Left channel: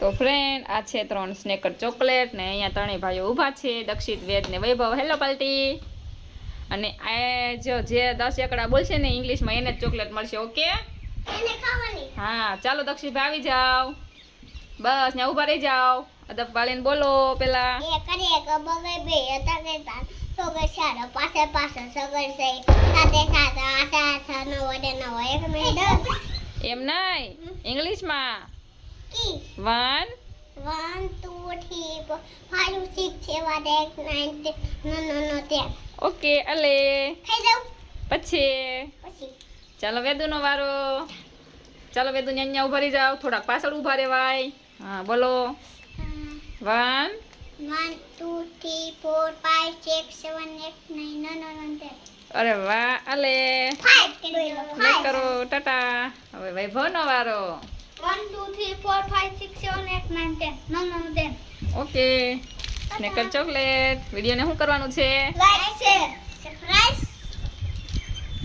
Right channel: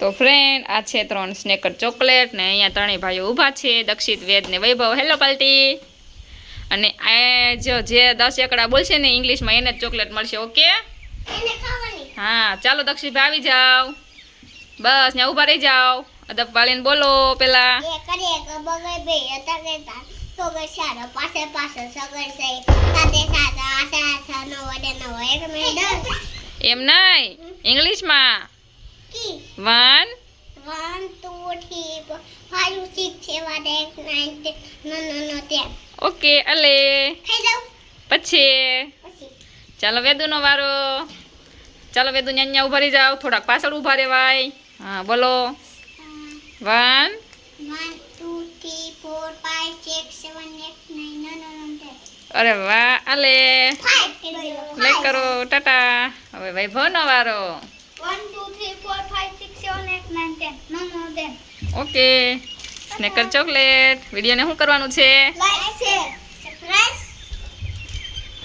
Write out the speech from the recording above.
તો ફ્રેન્ડ આ છે 3 સ્નેકર ચોકલેટ ને અહીંયા ત્રણેય ભાઈઓ ઊભા છે, દક્ષિત, વેદ ને વૈભવ. હેલો પાલ્ટી. અને આ જે 10 એકડા બોલશે ને ઇંગ્લિશમાં એને જ ચોકલેટ મળશે. ઓકે હા ચાલો દક્ષિતભાઈ આવી જાઓ, બસ ને ઊભા રહી જાઓ. અદબ વાળીને બોલો પેલા. એમ નહીં, ઇંગ્લિશમાં 1 1 2 3 4 5 6 7 8 9 10. ઓકે અલે ખાઈ જાવ પછી પછી ચાલો વેદુનો વારો. ચાલો વેદુ ન્યા ઊભા રહી જાઓ, થોડાક પાછળ ઊભા રહેવાય. હા બોલો 1 1 2 3 4 5 6 7 8 9 10. અરે વાહ અલે 5 લાઈક કરો. ટાટા. હવે વૈભવનો વારો. 1 2 3 4 5 6 7 8 9 10. Okay Snickers chocolate. વિડીયોને શું કરવાનું છે? Like share